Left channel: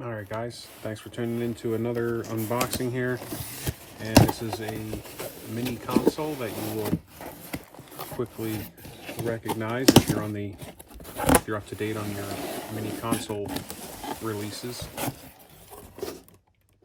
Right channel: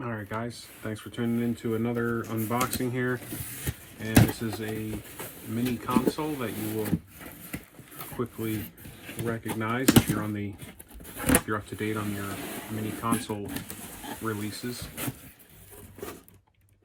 All right, guys, thanks for tuning in to another unboxing here. And this is a mini console that you will quickly recognize if you're up to date on your mini console releases.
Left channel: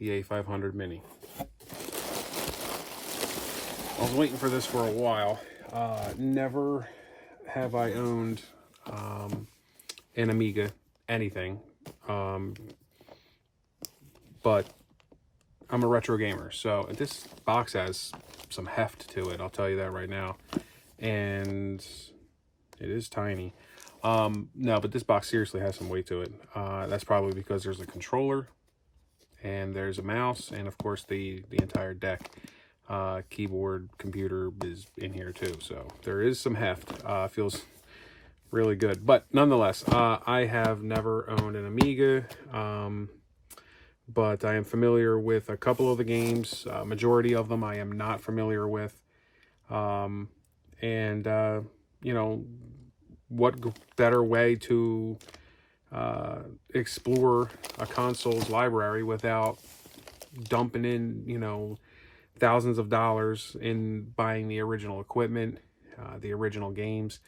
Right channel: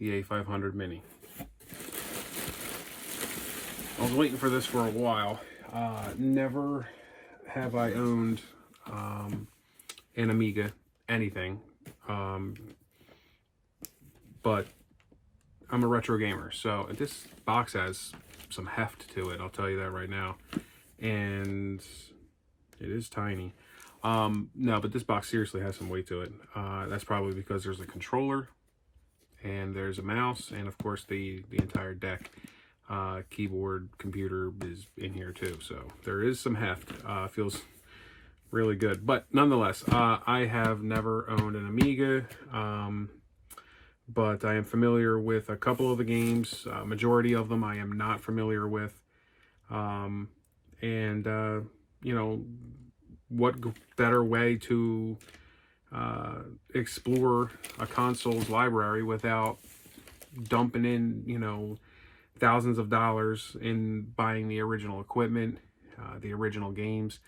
The A500 Mini. I was waiting for this for a while. Never have I owned an Amiga, anything. But I'm a retro gamer, so this box has some heft to it, I'll tell you that right now. And it is tiny. No, but this box seriously has some weight to it. That's probably because there's a controller, and there's a mouse, and of course the entire deck. Keyboard, computer is in here too, so there is some heft. Feels really good. But nonetheless, I have never owned an Amiga. But I am familiar with a couple of the games. Majority of them I am not familiar with. You know, what better way to explore a console's library without dumping in, you know, thousands of dollars in buying the original equipment, the original games,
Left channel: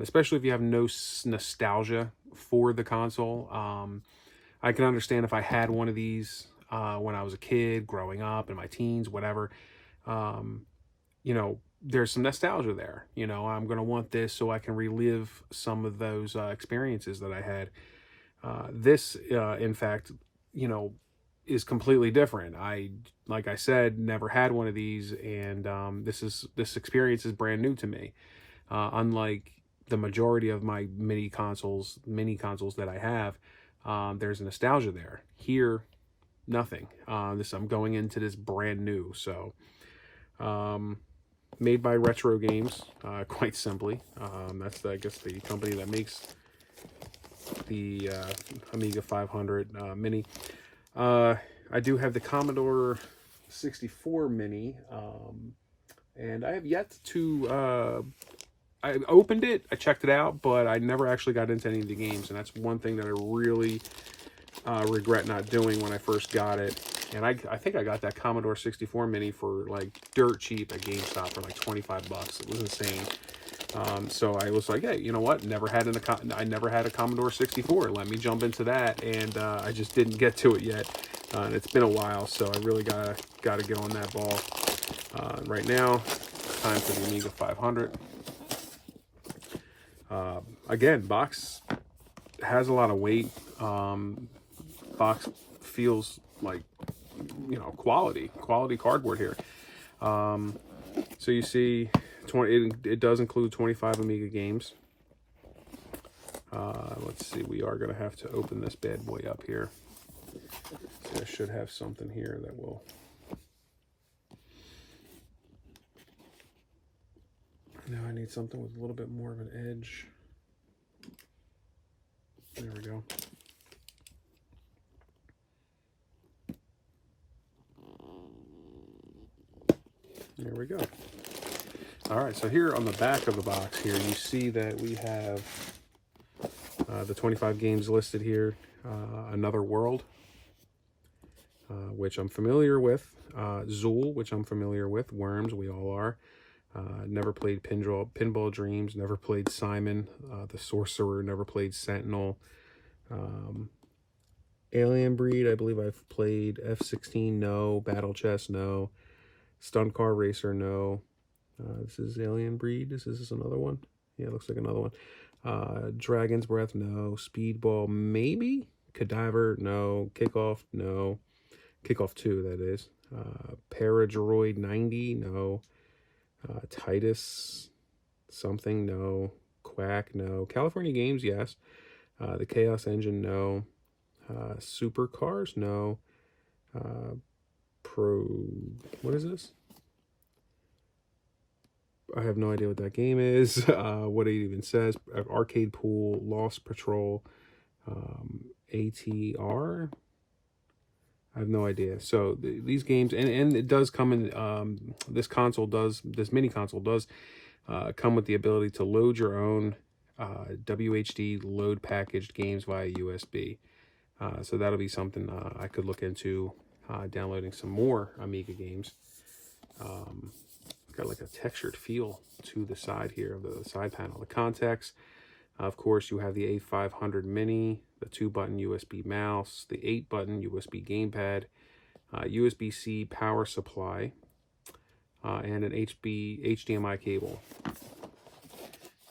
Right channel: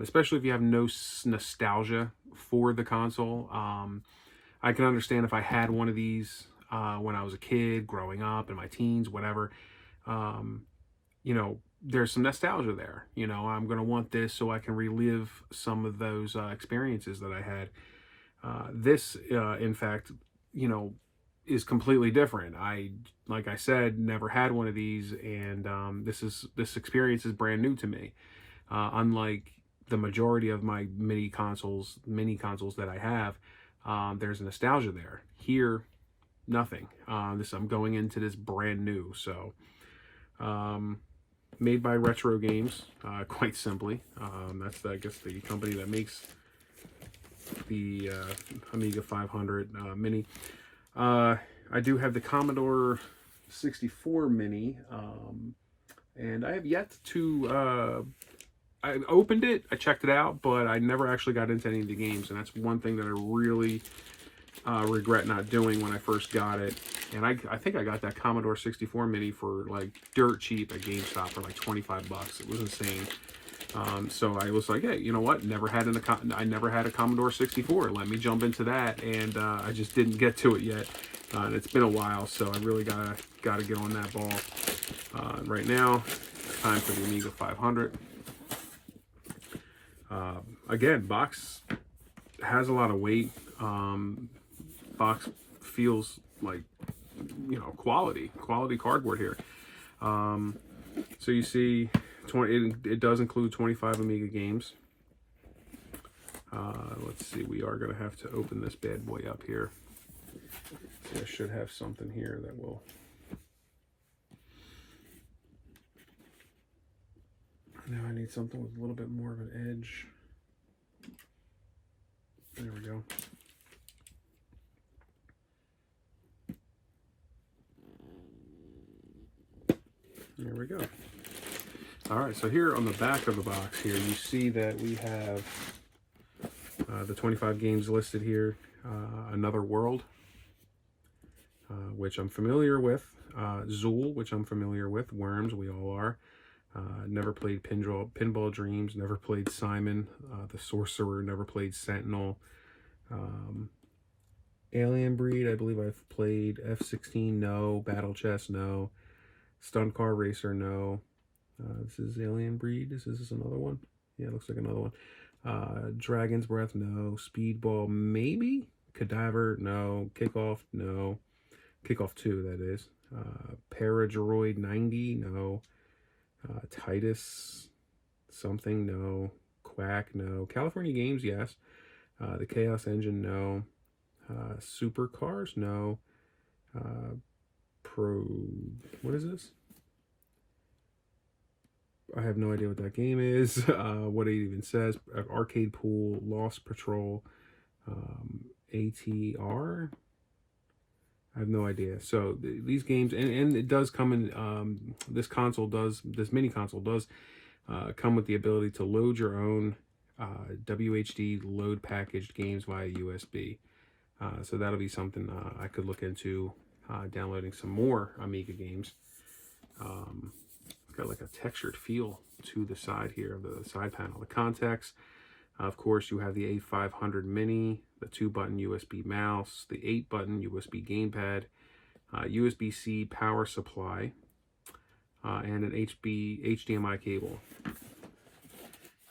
especially if you have no nostalgia for the console. I can understand if I had one of these when I was a kid, growing up, in my teens, whatever. You know, there's some nostalgia there. You know, I'm going to want this so I can relive some of those experiences that I had. This, in fact, you know, is completely different. Like I said, never had one of these, and this experience is brand new to me. Unlike the majority of my mini consoles that I have. There's a nostalgia there. Here, nothing. I'm going into this brand new. So, made by Retro Games, quite simply. That's I guess the company that makes the Amiga 500 Mini. I do have the Commodore 64 Mini, and I have yet to. I opened it, I checked it out, but I never actually got into any of the games, and that's one thing that I really regret not doing when I first got it. And I think I got that Commodore 64 Mini for like dirt cheap at GameStop for like 25 bucks. It was insane. So I was like, hey, you know what? I never had a Commodore 64. Let me jump into that, and I just didn't get to it yet. And it's been a while, so I really gotta get on that ball. Right now, time for the Amiga 500. Again, box has a lot of weight. Box feels like, you know, quality cardboard here. So you see, it does include 25 Amiga games. Let's see, we are going to have to open this bad boy up here. So I should have something here that will... Now I need something with a little bit more of an edge. There we go. There we go. All right, so here on the back of the box here, you see that we have the 25 games listed here. Another World, which I'm familiar with. Zool, which I'm familiar with. Worms, we all are. Never played Pinball Dreams, never played Simon the Sorcerer, never played Sentinel. Alien Breed, I believe I've played. F-16, no. Battle Chess, no. Stunt Car Racer, no. This is Alien Breed. Is this another one? Yeah, it looks like another one. Dragon's Breath, no. Speedball, maybe. Cadaver, no. Kickoff, no. Kickoff 2, that is. Paradroid 90, no. Titus something, no. Quack, no. California Games, yes. The Chaos Engine, no. Supercars, no. What is this? I have no idea what that game is, what it even says. Arcade Pool, Lost Patrol, ATR. I have no idea. So these games, and it does come in, this mini console does come with the ability to load your own WHD load packaged games via USB. So that'll be something I could look into, downloading some more Amiga games. Got like a textured feel to the side here of the side panel. The context, of course, you have the A500 Mini, the 2-button USB mouse, the 8-button USB gamepad, USB-C power supply, and an HDMI cable.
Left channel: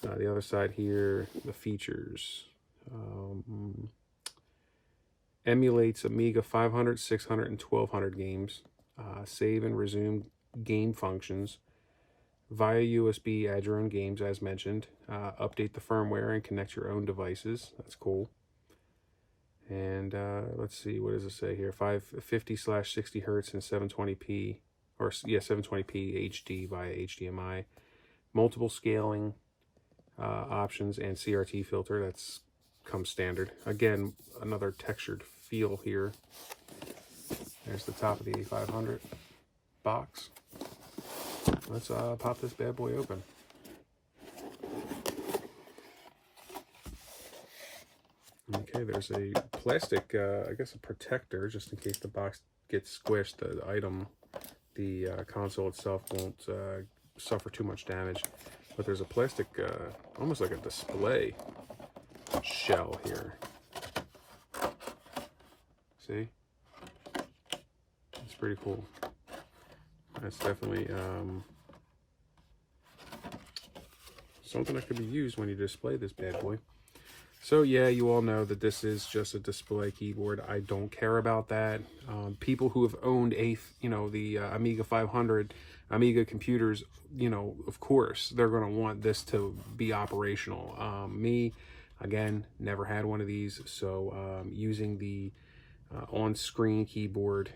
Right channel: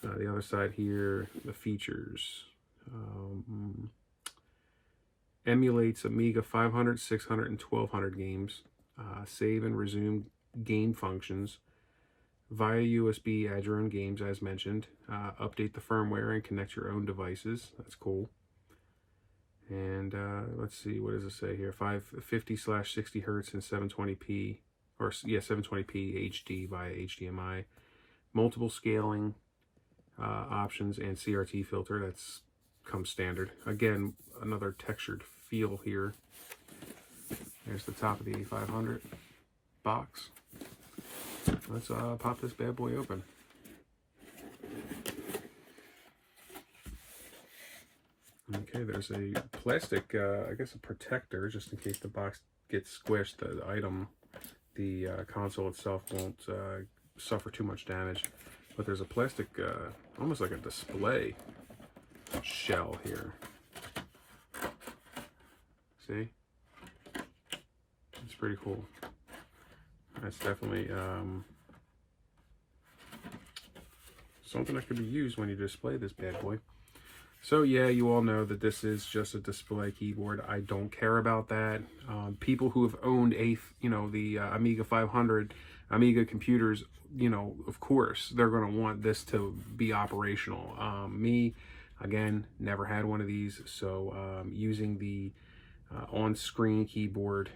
The other side here, the features. Emulates Amiga 500, 600, and 1200 games. Save and resume game functions. Via USB, add your own games, as mentioned. Update the firmware and connect your own devices. That's cool. And let's see, what does it say here? 550/60 hertz and 720p, or yeah, 720p HD via HDMI. Multiple scaling options and CRT filter. That's comes standard. Again, another textured feel here. There's the top of the A500 box. Let's pop this bad boy open. Okay, there's a plastic, I guess a protector, just in case the box gets squished. The console itself won't suffer too much damage. But there's a plastic, almost like a display shell here. See? It's pretty cool. That's definitely something that could be used when you display this bad boy. So yeah, you all know that this is just a display keyboard. I don't care about that. People who have owned the Amiga 500, Amiga computers, of course, they're going to want this to be operational. Me, again, never had one of these, so using the on-screen keyboard,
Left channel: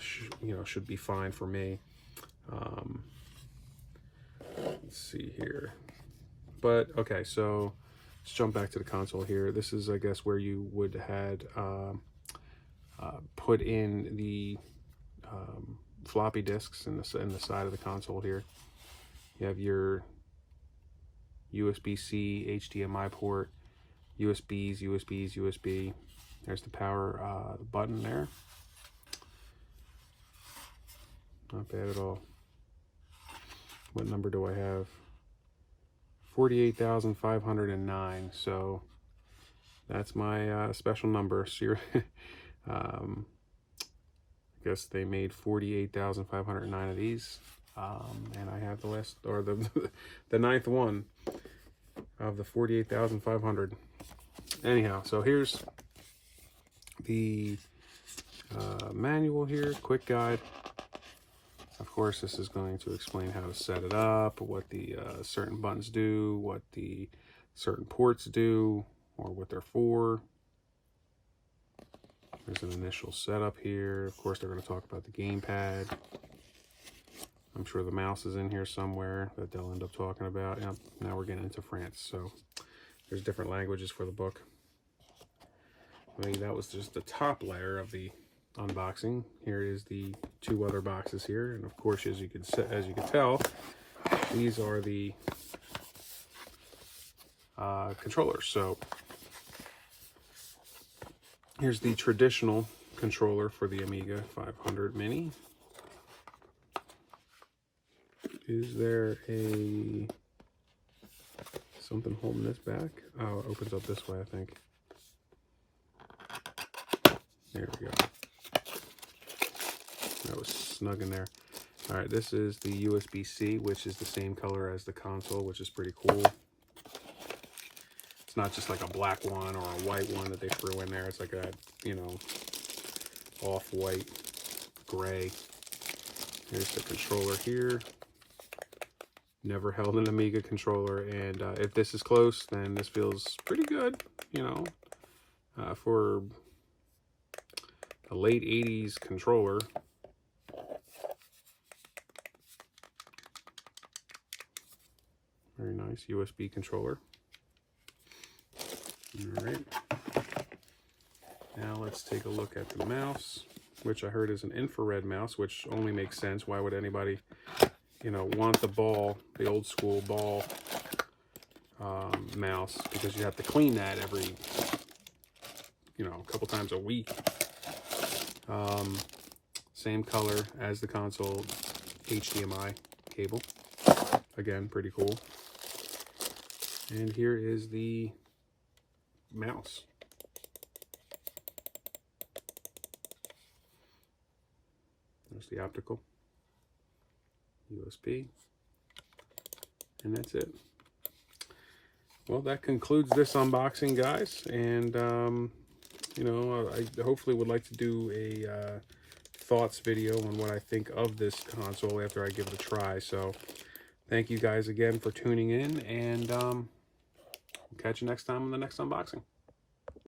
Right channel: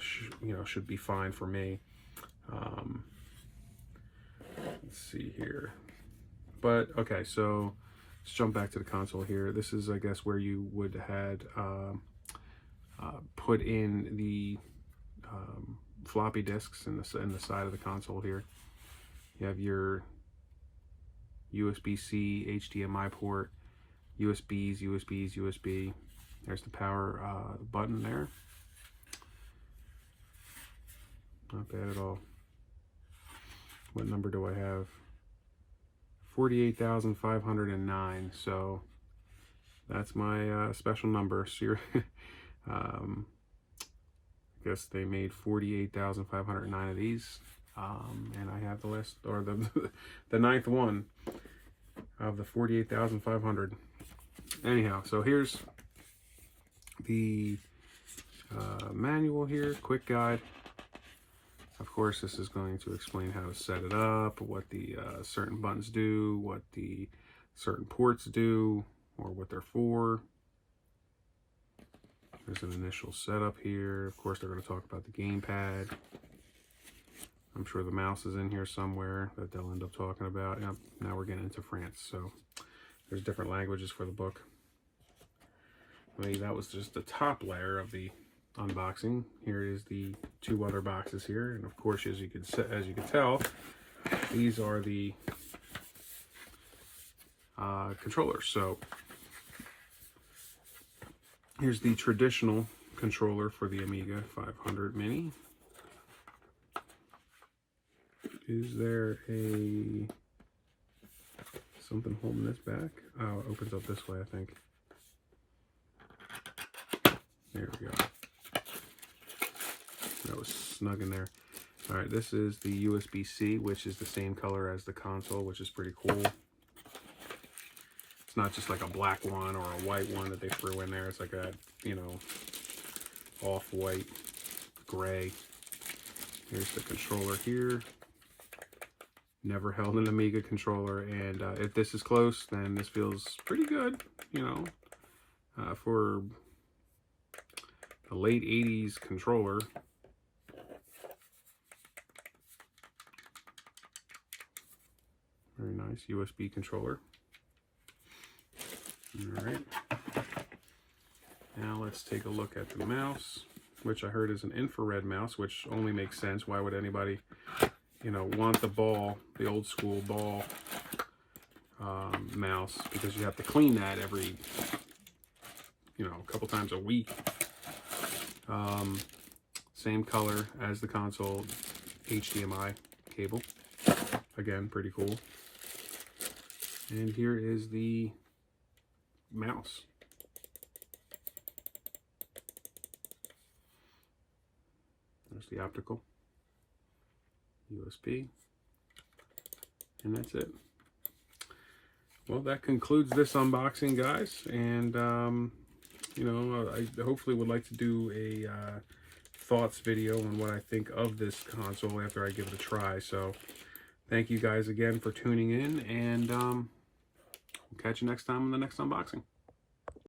should be fine for me. Let's see here. But okay, so let's jump back to the console here. This is, I guess, where you would had put in the floppy disks in the side of the console here. You have your USB-C, HDMI port, USBs, USB. There's the power button there. Not bad at all. What number do I have? 48,509. So that's my special number. So I guess they made 48,509 of these, and I have the list, or the ninth one of the 48,500. Anyhow, so here's the manual here, quick guide. Of course, this is going to explain how to set it up, what the certain buttons do, what the certain ports do, or what they're for. There's an initial setup here. Of course, they're going to talk about the gamepad. I'm sure the mouse is in here somewhere that they'll end up talking about. Yep, now we're getting into France, so there's different languages for the book. I mean, that was just the top layer of the unboxing. Here is the two other boxes here, and of course, as you can tell, these are the controllers. So here's the traditional controller for the Amiga 500 Mini. Is there something holding this back? Oh, it opens up this way, I think. There we go. That was snug in there. All right, this is the USB-C, which is the same color as the console, which is pretty cool. It's not just like a black one or a white one that they threw in there. It's like a, off-white gray. Here's the controller here. Never held an Amiga controller, and if this is close, then this feels pretty good, for a late 80s controller. Very nice USB controller. All right. Now let's take a look at the mouse, which I heard is an infrared mouse, which only makes sense. Why would anybody, want the ball, the old school ball mouse? Because you have to clean that every you know, a couple times a week. Same color as the console, HDMI cable. Again, pretty cool. And here is the mouse. There's the optical, USB, and that's it. Well, that concludes this unboxing, guys. And, you know, I hopefully would like to do a thoughts video on what I think of this console after I give it a try. So thank you guys again for tuning in, and we'll catch you next time on the next unboxing.